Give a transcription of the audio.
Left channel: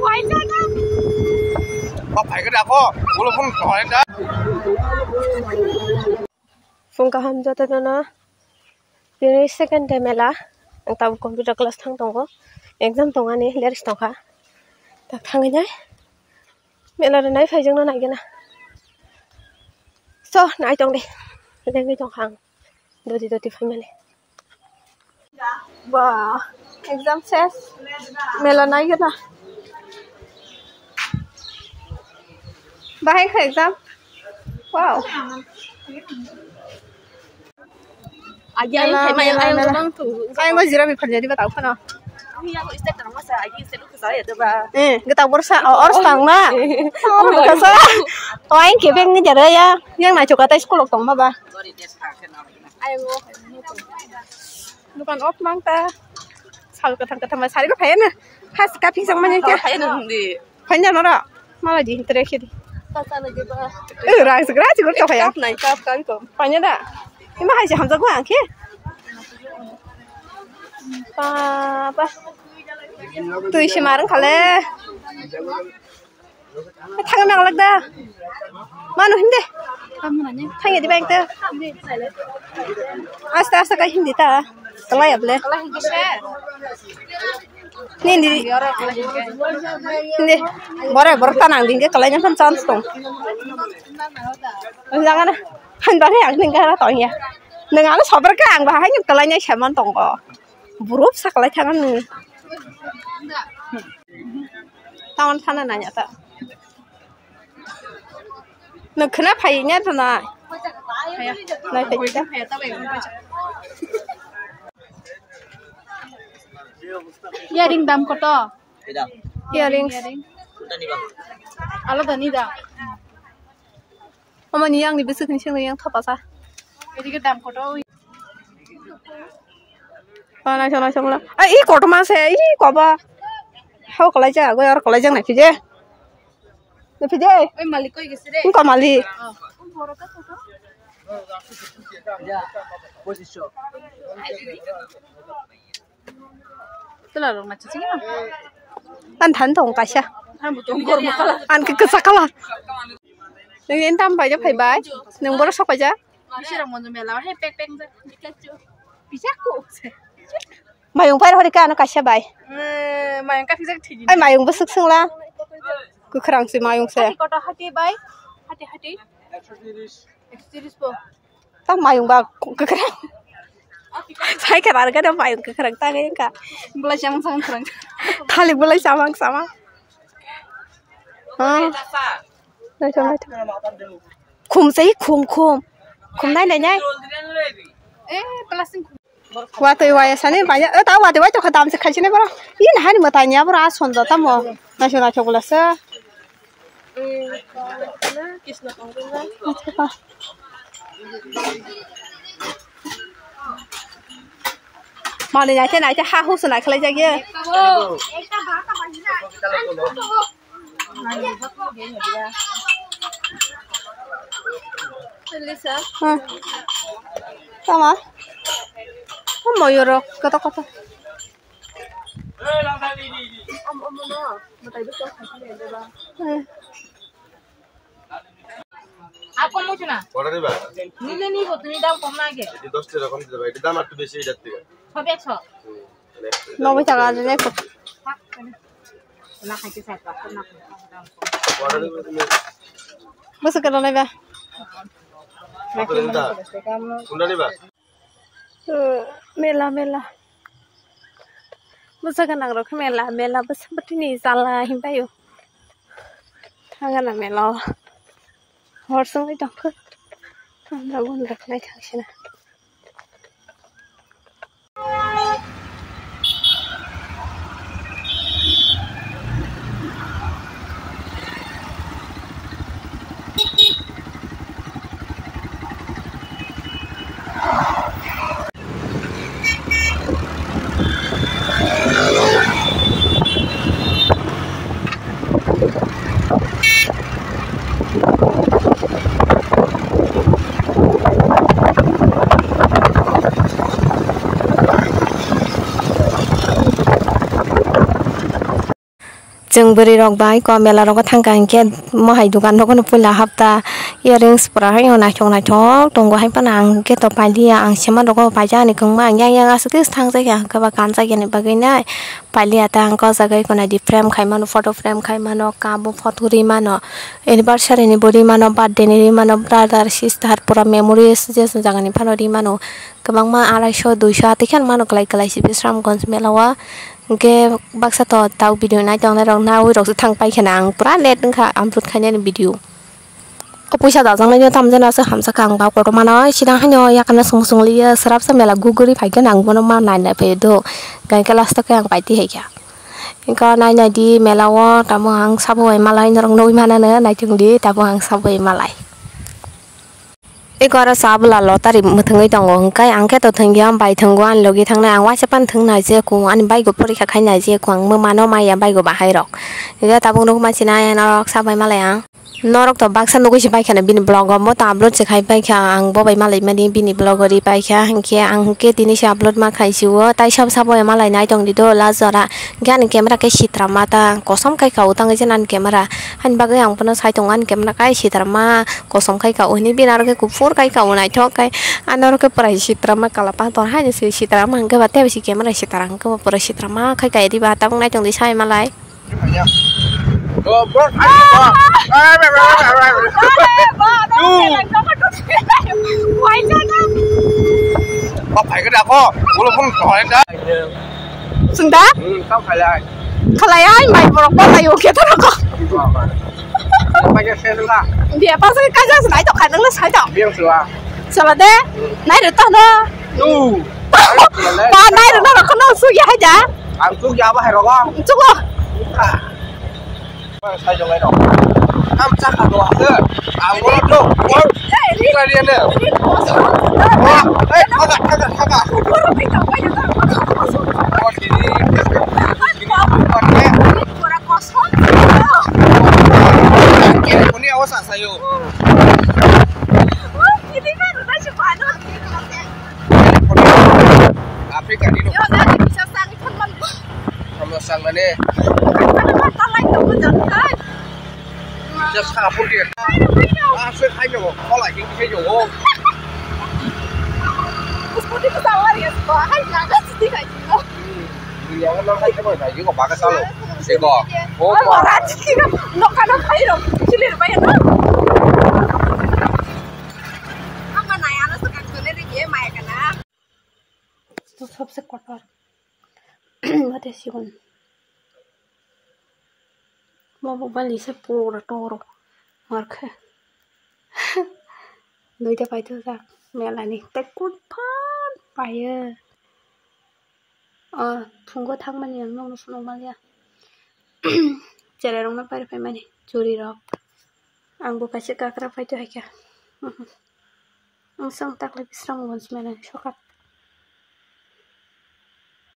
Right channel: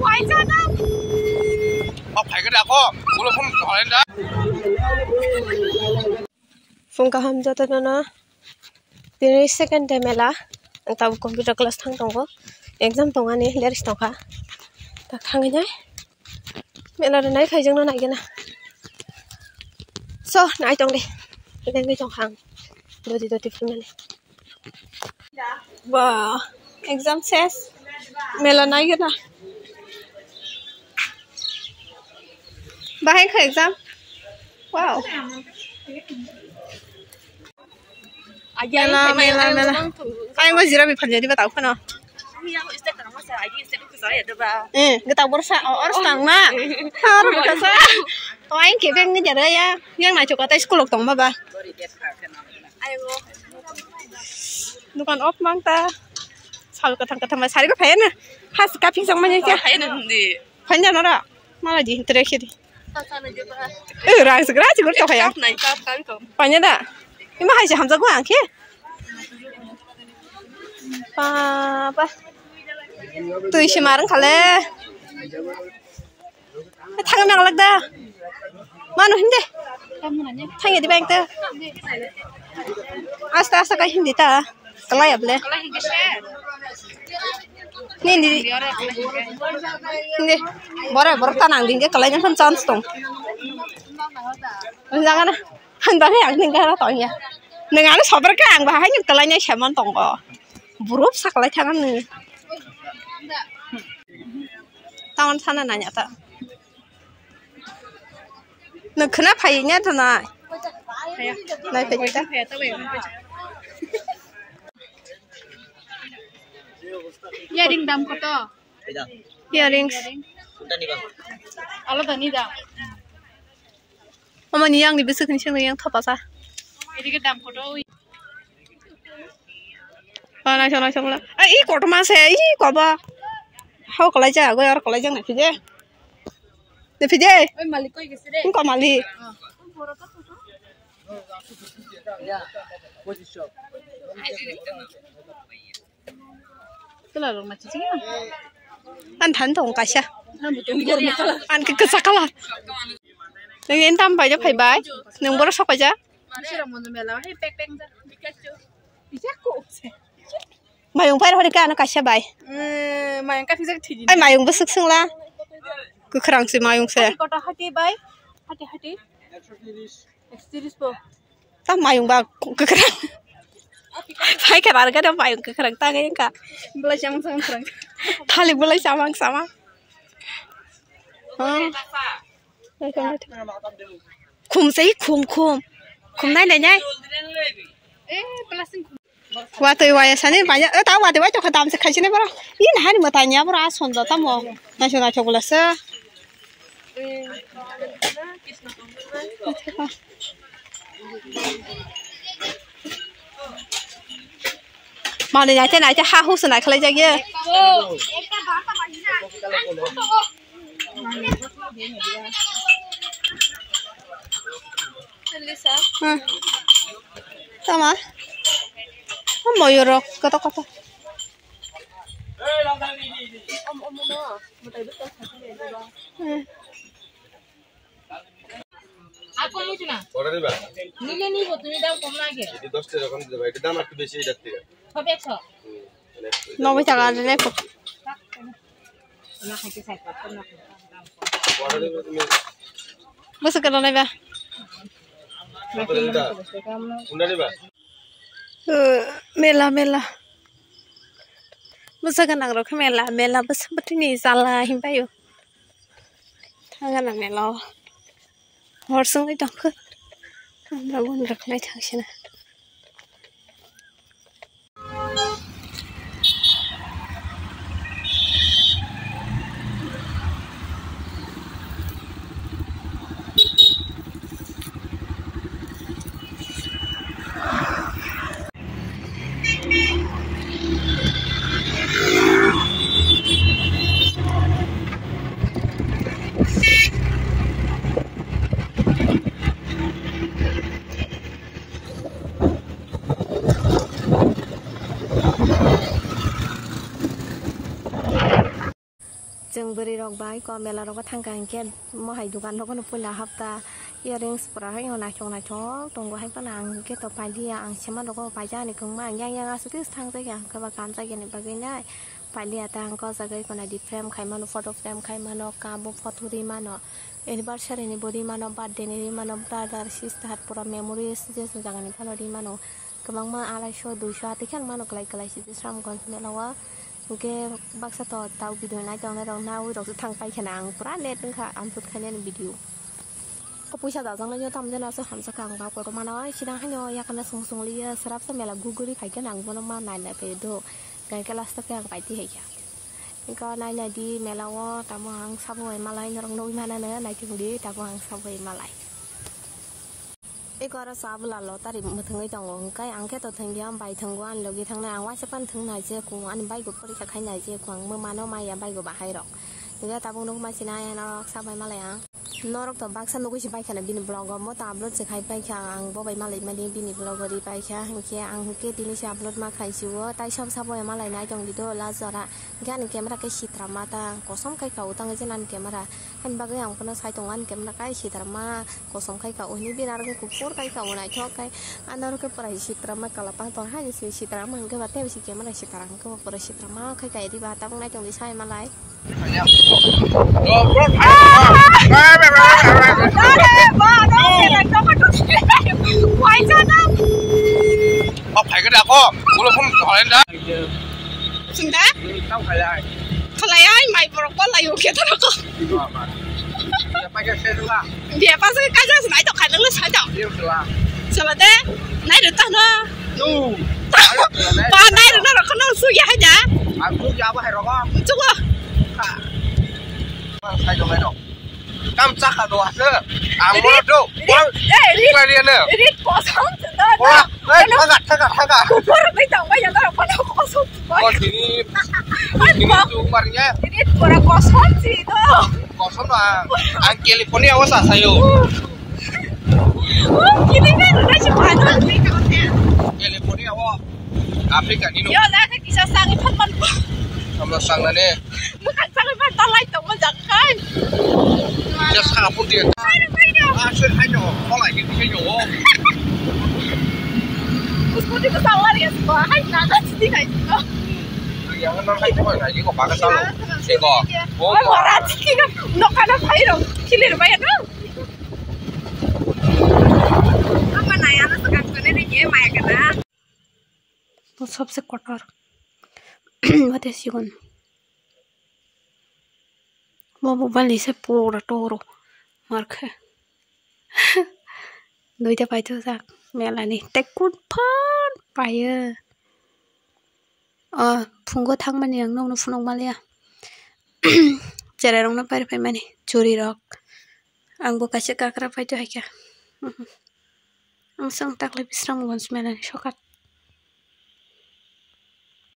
Quay cho nó. Bọc phải cái đặc có, bố là không hỏi anh đã. Phong ka ham jata na. Tiri second day mela. Tahu computer class thang tongko. Exam tonga ni leris tongka. Tak thang ini. Mela nai khai jong nai kana. So nai tong deh. Kita ngai tong hang. Doti film ni. Wow, exam ses. Mela nai kana. Bahai khai exam. Wow. Anh có gì ra bị phần gì bắt đầu phải không? Cái tàu bớt sao? Ở tầng mà. Cái sao? Anh kia bên cái gì đấy ya? Yang này chụp cái tay school lộc tầng mà ba. Bukan op mang ta. Sao cái thằng mà sai cái phèn nè? Hai cái pin xong mà nhỉ? Phèn gì? Phèn gì nó đó? Mà là gì? Interaction đi. Ra segera sih gue coba ya. Phèn đó. Ini mah aja hamzah gua angke. Apa? Tuh isi marang kale. Thang yang lag dah. Mana hindi? Thang di bank dah. Asta kah hindi ta? Kalau ya boleh. Ini. Baru tanang dingke kalau yang kan chance tong. Jangan 한달에 안 된다 또야. 내가 서버 강 봐. 하니 그러냐 샤만 동거. 무릎 사클라 타는. 다운 사는 아니야. 너 그나 파이냐 타나. 파야. 나 파이다. 파야 또 왜? Earring dam ko to. Earrings. Ala dani da. 어머니 양이 무슨 근심을 양 타봐서. Edige dam ko to. 나 저라. 아, 이 고도만 세. 이 거봐. 하고 걸라자. 거 여러 걸라자 나 피제. 내 피제. Oi malik ko igisire. 이거 말리. Tela rong machi sing. 난 단동 가샤. 안 그 잠깐만. Nên tâm phải cho phải bái, đừng bớt sốc phải chứ. Mày dùng phải thôi đi cả nó cả xe bài. Ai mày dùng bớt sức xưng la. Cứ khẳng gì mày dùng xe. Tao mày dùng vào cứ khẳng. Phải cái bạn cái đâu mày dùng cứ khẳng ta cái cả. Thằng lịch bớt lấy sama. Khum sih khum này này nhá. Waktu sana banyak. Tahu waktu itu khatam sekali sini bro. Ini hari mau tanya bro ason tuh tamu nasional coklatnya. Mau nih aja nih aja haus nih kalau jadi. Sama. Mau yoro kata. Apa mau cina? Order diba? Nili nih kok tuh dam koma ke? Jadi 10 টাকা কম দিতে এটা দাম একটু বেশি এটার থেকে। Tapi ekso. Nomor cara nih kok. Nak kasih saya pak. Order diba তুমি? Masa kena nih ba? কত দিতা? কোনটা নিবা? Mela. Masa kena ngrok mela bes seperti ini salah himpayo. Tangan mela. Horsong itu apa? Namun raknai tangsina. जों बोरै रक बाय को मेला रक थांगा इनके महाय दुकान रक न पुला हप्ता इयारिंग्स पुरा हाय नायथं दंग हाय पाना आंके तो पालिया आं सेमा रक पाजा नि खंमा yang asuk थांग जायगा गोबा गान जायगानि बागैना पालिया ता आंको जागाय को नायदि फ्रेम खायमानो फटो फ्रेम खायमानो काबो फटो रिमानो एनिभार्सारि नि बरि मानो बर्थडे नि रिमानो ब्रादार सिस्टार पुरा मेमोरिज जेस जागानि फानो रिमानो गोबां मा 250 200 आतिखान मानो गलाय गलाय बिश्रामगंज मेलावा के बाक्सा तो ताव भिडिअ नायदों ना उइरसो थांग पाइखाना आं पुरा नेट नखा आपलोड खायनानि भिडिअ पैसा दाजांनायनि थामजनासो हामसाखा आं बावकर मानो सिदां हानो याकना संसंलियो सराब समेला गुगुरि फायगोन आं बनो मा नायना फैदो गायका लास्ट तक आं पाइति हैया इनका नायनायदि मेलावा तामो आं साबोय मालाय नरं नइ मानानो नायथिंदि ताबो आं साबोय मालाय एगार साबला लतारि मथंगै दङ ओंखाय आंखे तो थंगिया बाय थंगो आन लगे थांना आं वासेपान थंना जे को आन बायगो परीक्षा खायना जे को आं मानो माया बायगो बाहाय रक इगा ताबुं रक मासिना नरक साबाय मालाय आं नरक तो बाक्सा नगैसि बायखाना बिनि ब्लग म त आपलोड से खाय बायखा आं बबाय मालाय मानि बिनि ब्लगरि बायखा हंके आं हंके दिनि से आपलोड मा खायसिवो ताइ सब साबाय मालाय नाय दं दिदो लाजरा गान कैमरा के सित्रा माता कसम खाय खाउ तंगै जे नान कैमरा हान बागै आं पनो साय दं आन कैमरा काय सित्रा मा कसम खाय खाउ नि बिनार के कुफुर काय खाउ नाय थकाय आनर के प्राय सित्रा मा कालापा तो हाय से सित्रा मा हंके बाते बिसि कैमरा सित्रा हंके पुरा सित्रा मा खाय खाय दि बाता बुंनाय दं दि साय मालाय Bọc phải cái nào có, bố là không hỏi đấy. Sunda? Không phải lại. Kalay ay may borok ba tayo kita na ko. Phải cái xe thứ ba. Dia pa sa kaja sa nai to kan lang sa to. Biếng sửa. Sala de, nai de ta na. Pa nai de na ko na su ya ja. Ang chú giáo hay rồi con. Chú ko. Sai cho mày đâu. Cam chắc là đồ sơ. Ang mua đâu. Đi là liền nữa. Đi ko sa. Ê, thắc à. Ko ro pi ta ba ya ta ko na ko su. Con thì đi. Ai ba. Con nhé. Đi ko ra ko son ti to. Ang kia con neo có sẵn sayo. Kini ka na siya pa no. Afrika đi đâu. Yo na ki bisa sang iphat man. Không sang là nè. Ta lai to ko jang kai. Just half put in. Sẽ hay rồi, có lại những cái dùng không? Di ko sa wari ko ay na ti kai ko. Yang nó hay cái này chỉ có ba cái sao luôn. Sẽ có. Bố Ay wala ti ka no ka na phai ro. Kilir ba yan? Ama na yan sa kan ko ne ye maya ka na. तो सबसे कटर वतेसी गन वो मोबाइल से पूरा टोरो मारखे नोइदा पाइथो जा मेलानि टेकुट फन पायो फुंगो थांमानि आं नौनो फुनं मालिया जेरावनो पाइफाय मानि चुरि रक आंबो कासे काकरा पाइथो हायका आं सांग ताकले बिस्रामगन्ज मेलानि सकात